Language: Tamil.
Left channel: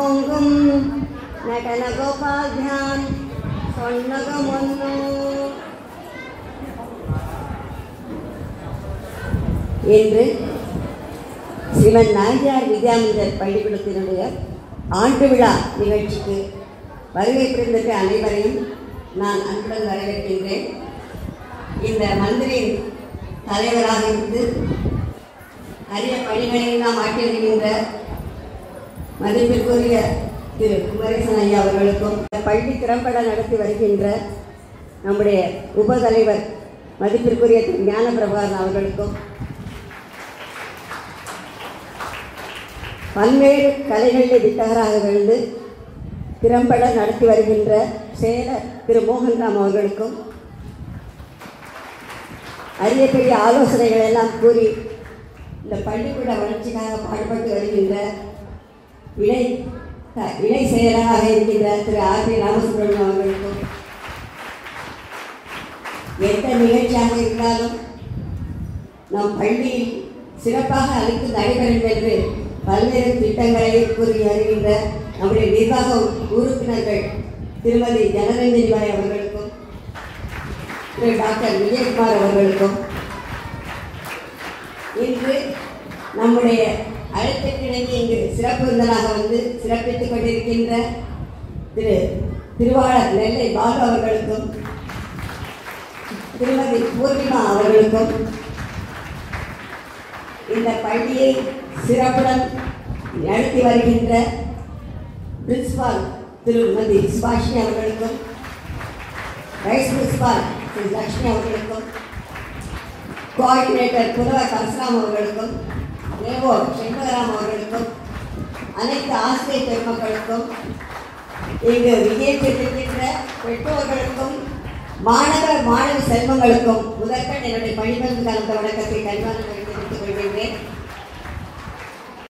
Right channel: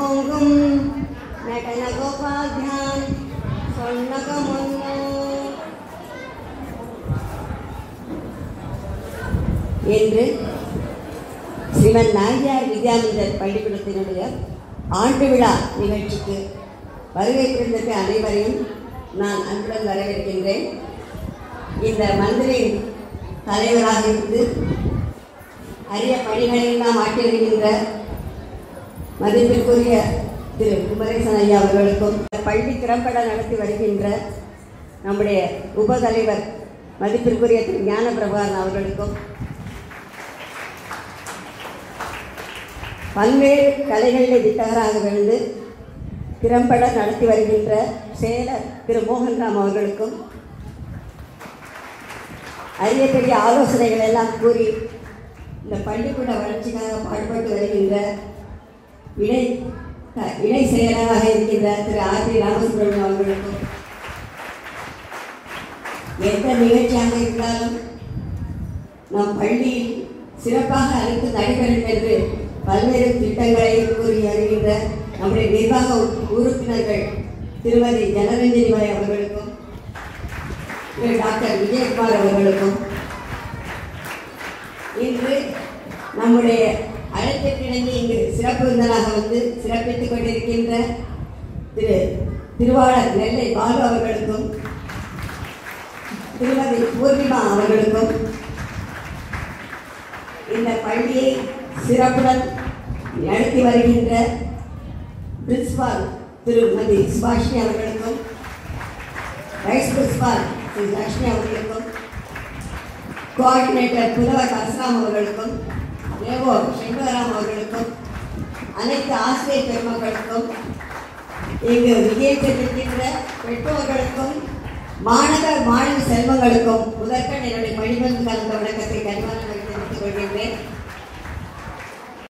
ஓங்கும் நடனகோபாத்யான் சொன்னகமொன்னு என்று ஸ்ரீமன் நாயனார் வித்யாமந்திர் பள்ளிக்கூடத்தினுடைய ஆண்டு விழா நிகழ்ச்சிக்கு வருகை அனைவரையும் நான் அன்புடன் வரவேற்கின்றேன். இந்த மந்திரின் தலைவராக இருந்து அரிய பணிகளை நாம் ஆற்றியிருக்கின்ற மதிப்பிற்குரிய திரு குமரேசன் ஐயா அவர்களுக்கும், பள்ளி திறம்பட நடத்தி வருகின்ற நம்முடைய உபதலைவர் மதிப்பிற்குரிய திரு ஞான பிரபாகரன் அவர்களுக்கும், பல்வேறு கலைகளில் வித்தகராக வந்து திறம்பட நடத்தி வருகின்ற செயலர் திரு மோகன்ராம் அவர்களுக்கும், அரிய பெரிய ஆலோசனைகள் எல்லாம் கூறி இந்த பள்ளிக்கூட வளர்ச்சிக்காக பாடுபட்டு வருகின்ற இணை செயலராக இருக்கின்ற திரு ஆர்.பி. ராமசுப்ரமணியம் அவர்களுக்கும், எந்த நிகழ்ச்சியாக இருந்தாலும் நம் பள்ளியில் சிறப்பாக அனைத்து நடைபெறும் என்று பல்வேறு திட்டங்களை கூறி வருகின்ற நம்முடைய நிர்வாக உறுப்பினர்கள் திருமதி ஜனரஞ்சனி பாய் அவர்களுக்கும், திரு டாக்டர் விஜயகுமார் அவர்களுக்கும், இன்று நம்முடைய அழைப்பிற்கு இங்கு சிறப்பு விருந்தராக வந்து சிறப்பித்துக் கொண்டிருக்கின்ற திரு திருவாளர் நெல்லை பாலு அவர்களுக்கும், திருமதி பூர்ணிமா அவர்களுக்கும், இந்த பள்ளியை சிறப்புடன் நடத்தி வருகின்ற பிரின்சிபால் திருமதி சுபாஷினி அவர்களுக்கும், வைஸ் பிரின்சிபால் திரு லட்சுமி அவர்களுக்கும், கோஆர்டினேட்டர் புலவர் அஸ்லாம் அவர்களுக்கும், ஏவோ சங்கராம் அவர்களுக்கும், அனைத்து ஆசிரியர் பெருமக்களுக்கும், இங்கு விஜயம் பெற்றிருக்கின்ற பெற்றோர்களுக்கும், மாணவர் மாணவி செல்வங்களுக்கும் முதற்கண் என்னுடைய பணிபுரிந்து கலந்த வணக்கத்தை கண்வான தெரிவித்துக் கொள்கின்றேன்.